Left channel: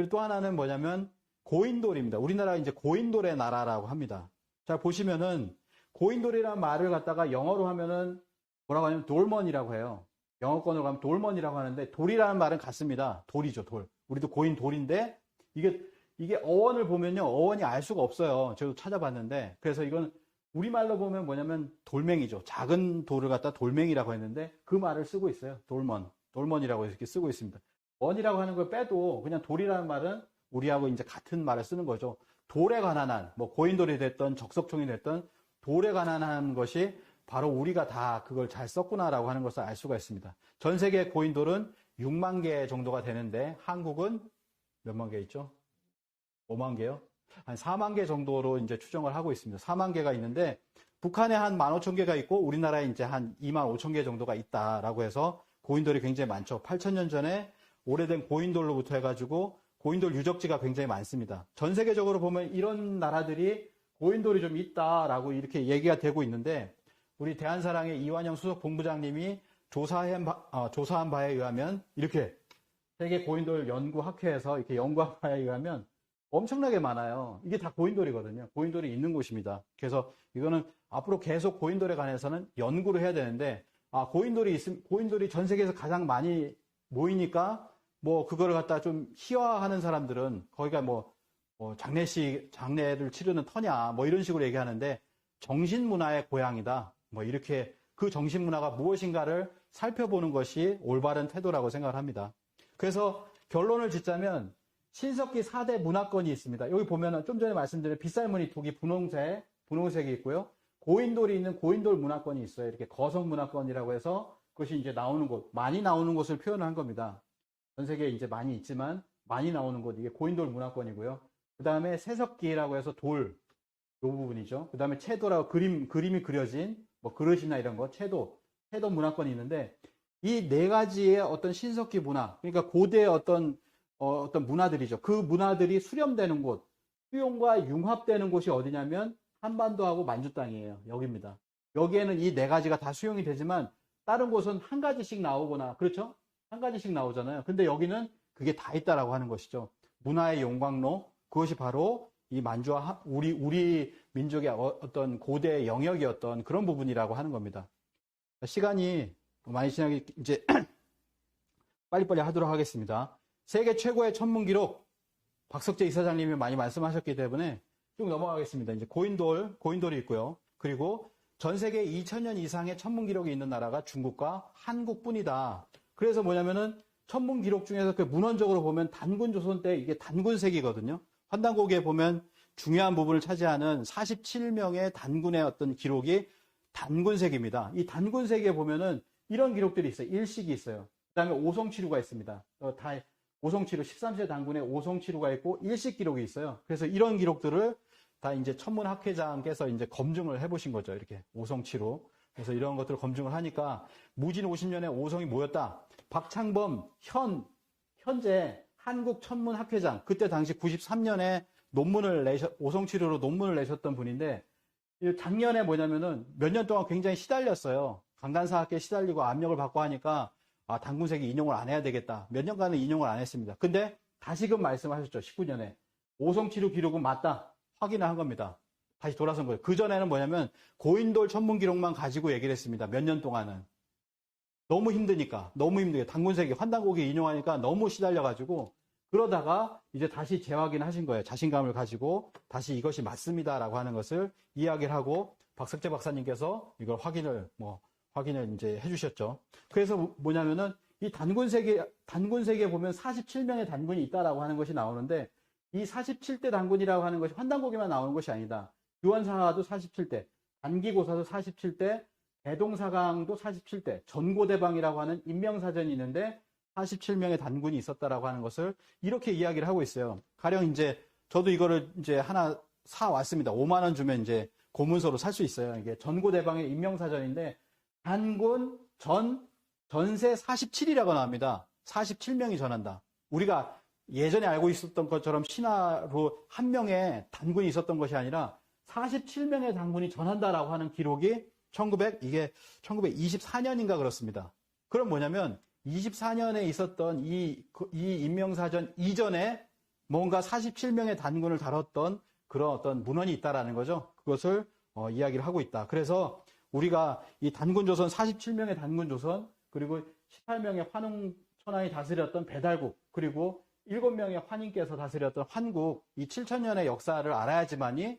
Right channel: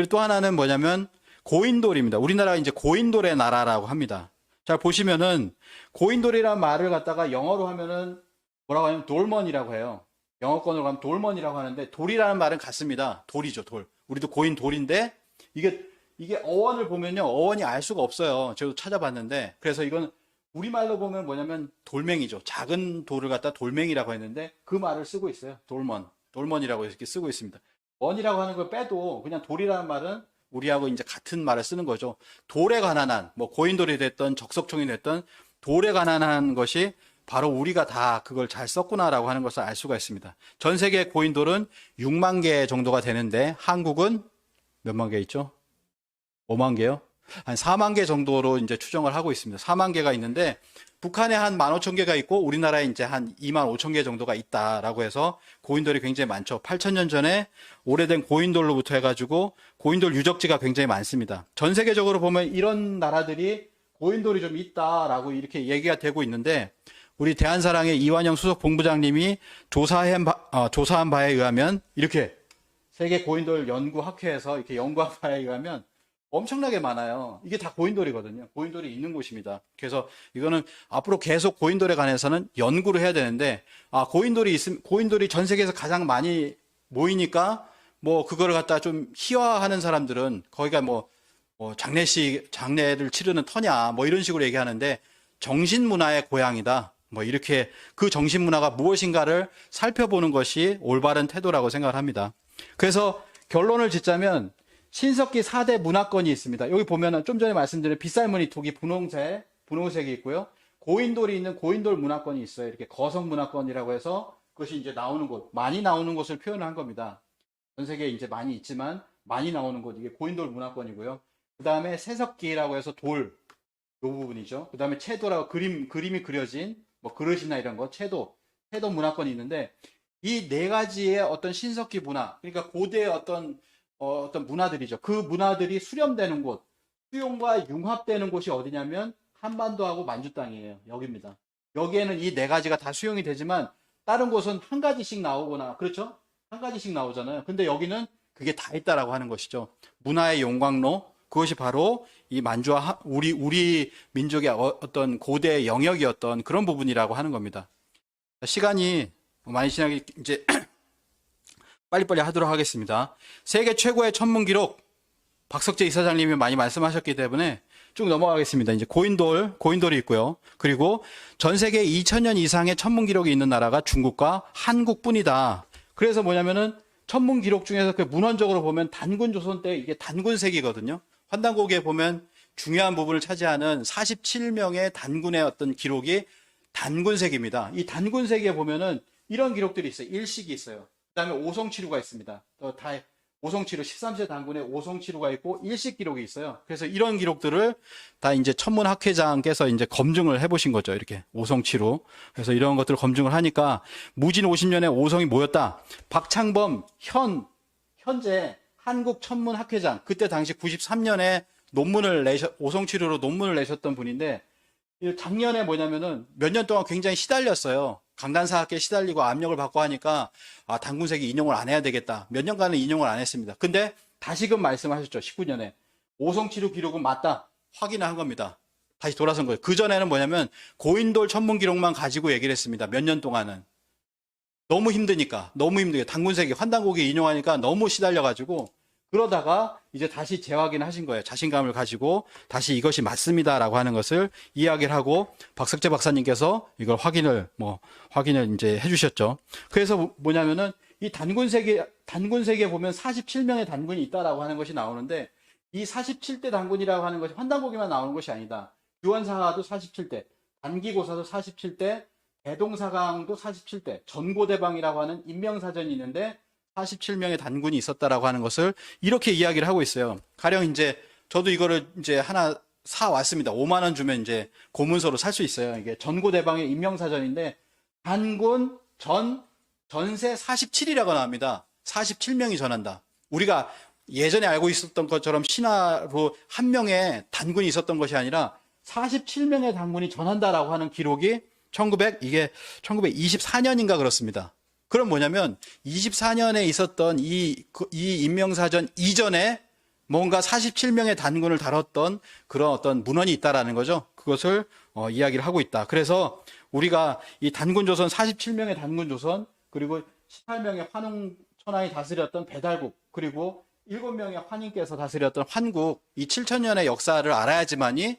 그리고 또 하나는 뭐냐면 고인돌입니다. 우리나라가 이제 고인돌의 나라라고 합니다. 잘 보시면은 고인돌이라는 말을 갖다가 영어로 하면은 뭐라고 하냐면 돌먼이라고 해요. 영어권으로 가면 돌먼이라고 하는데 돌이라는 말은 같습니다. 돌이죠, 돌. 우리도 고인 돌인데 이게 어원을 보면요. 어원이 알 수가 없어요. 저도 찾아봤는데. 그래서 이건 우리말로 보면 뭐냐면 돌멩이죠. 작은 돌을 갖다 돌멩이라고 했는데 그 말을 쓰고 있어요. 돌먼. 돌먼이라고 이렇게 쓰고 있습니다. 먼이라고 하는 걸 빼도 그냥 돌이라는 말은 우리하고 이제 같은 말을 쓰는 거죠. 돌에 관한 한, 뭐 고인돌이 됐던 적석총이 됐던 돌에 관한 한 것이 바로 우리가 다 그걸 잘 썼구나라고 하는 것을 알 수가 있습니다. 전 세계 고인돌은 6만 개 정도가 되는데 한국은 몇만 개 있죠? 5만 개요? 한 4만 개 정도로 이제 추정을 하고 있습니다. 4만 개가 있는데 북한에 한 15,000개가 있고 우리나라에 이제 한 25,000개 정도가 있다라고 해서 고인돌이 굉장히 많죠. 8,000년 전에 오래된 고인돌로부터 해가지고 고인돌 유적지가 굉장히 많습니다. 전 세계적으로 보면 이런 나라들이 고인돌이 좀 있다라고 이렇게 얘기가 되고 있는데 우리 대한사랑의 이완영 수석 본부장님이 조사한 바에 의하면 이렇게 세계 고인돌 연구학회에서 이렇게 연구한 바에 의하면 엄청나게 많아요. 이게 다 고인돌이거든요. 고인돌이 있는 곳입니다. 그래서 이거는 앞으로 계속 고인돌에 관해서는 연구를 해야 되는데, 고인돌이 전 세계에서 가장 많이 모이니까, 뭐, 그거를 갖다 좀 희화하는 사람들은 거기가 뭐 장례를 치르는 터냐, 뭐 이런 식으로 얘기하는데, 정신문화의 고향이다. 뭐 이렇게 그 정신문화가 무엇인가를 살펴보는 것이 올바른 태도라고 생각을 합니다. 그래서 결론을 짓자면, 신석기 4대 문화권이 있습니다. 여기 보면은 좀 전에 말씀드린 빗살무늬 톡이 분홍색이 있고요. 고인돌이 있는 고인돌 문화권이 있어요. 이렇게 거성 문화권이라고 해서 그것이 이제 나오는 곳, 많이 나오는 곳을 표현한 겁니다. 전 세계에 이제 많이 있지만 많이 나오는 곳, 이게 고인돌 문화권이고요. 그 다음에 세석기라고 해서 돌, 요 부분이죠. 그 다음에 채도라고 그림이 그려진 뭐 그릇이나 이런 거, 채도 문화권이 있는데 이 네 가지의 어떤 신석기 문화, 그러니까 고대의 어떤 문화들이죠. 그 문화들이 수렴되는 곳, 수용과 융합되는 곳이 어디냐면 한반도하고 만주 땅이에요. 여기입니다. 여기에는 이 네 가지가 다 수용이 되지만 다른 곳은 한 가지씩 나오거나, 그렇죠? 한 가지씩 나오잖아요. 근데 여기는 그게 다 있다라고 하는 것이죠. 문화의 용광로, 그것이 바로 이 만주와 우리 민족의 어떤 고대 영역이었던 그런 부분이라고 하는 겁니다. 시간이 많이 지나기 이제 빨리빨리 하도록 하겠습니다. 세계 최고의 천문 기록 박석재 이사장님이 많이 말씀하셨기 때문에 쭉 넘어가겠습니다. 이제 고인돌이 있고요. 그리고 전 세계 2000년 이상의 천문 기록이 있는 나라가 중국과 한국뿐이다. 그래서 뭐냐면은 천문 기록 중에서 그 문헌적으로 보면 단군 조선 때 이게 단군색이거든요. 환단고기에 보면 중요한 부분을 차지하는 47명의 단군의 어떤 기록이 단군색입니다. 이 단군색에 보면은 이런 기록들이 있어요. 일식이 있어요. 그 다음에 오성치루가 있습니다. 오성치루, 13세 단군의 오성치루가 있고 일식 기록이 있어요. 그래서 이런 기록들을 다 이제 천문학회장께서 이제 검증을 해보신 거죠. 이렇게 오성치루. 그래서 이런 것들을 검증을 하니까 무진 50년에 오성이 모였다. 박창범 현재 한국천문학회장, 그때 당시 93년에 오성치루로 논문을 내셨던 분인데, 작년에 뭐냐면은 몇 년 동안 굉장히 시달렸어요. 강간사학계에 시달리고 압력을 받고 하니까 단군색이 인용을 안 해야 되겠다. 몇 년간은 인용을 안 했습니다. 근데 다시금 말씀하셨죠. 19년에 오성치루 기록은 맞다. 확인을 한 겁니다. 다시 돌아선 거예요. 그전에는 뭐냐면 고인돌 천문 기록만 가지고 얘기를 했습니다. 몇 년 동안은. 너무 힘드니까 단군색이 환단고기 인용하니까 너무 시달려가지고 그러다가 이제 다시 재확인을 하신 거예요. 자신감을 가지고 다시 이것이 맞습니다라고 하는 것을 이야기를 하고 박석재 박사님께서 이걸 확인을 이제 해주셨죠. 그래서 뭐냐면은 이 단군색에 보면 47명의 단군이 있다라고 하는 것이 나오는데 이 47대 단군이라고 하는 것이 환단고기만 나오는 것이 아니다. 유언사하도 47대, 단기고사도 47대, 대동사강도 47대, 전고대방이라고 하는 인명사전이 있는데 47명의 단군이 있었다라고 하는 것을 이렇게 이야기를 하고 있어요. 가령 이제 저도 이거를 이제 하나 사 왔습니다. 5만 원 주면 이제 고문서로 살 수 있어요. 이게 전고대방의 인명사전인데 단군 전세 47이라고 나옵니다. 47명이 전한다. 우리가 예전에 알고 있었던 것처럼 신화로 한 명의 단군이 있었던 것이 아니라 47명의 단군이 전한다라고 하는 기록이 1924년인가 그렇습니다. 그럼 뭐냐면 24년에 있었던 이 인명사전 이전에 뭔가 47명의 단군을 다뤘던 그런 어떤 문헌이 있다라는 거죠. 그것을 이야기를 하고 있다. 그래서 우리가 이 단군조선 47명의 단군조선 그리고 18명의 환웅 천황이 다스렸던 배달국 그리고 7명의 환인께서 다스렸던 환국 이 7천년의 역사를 알아야지만이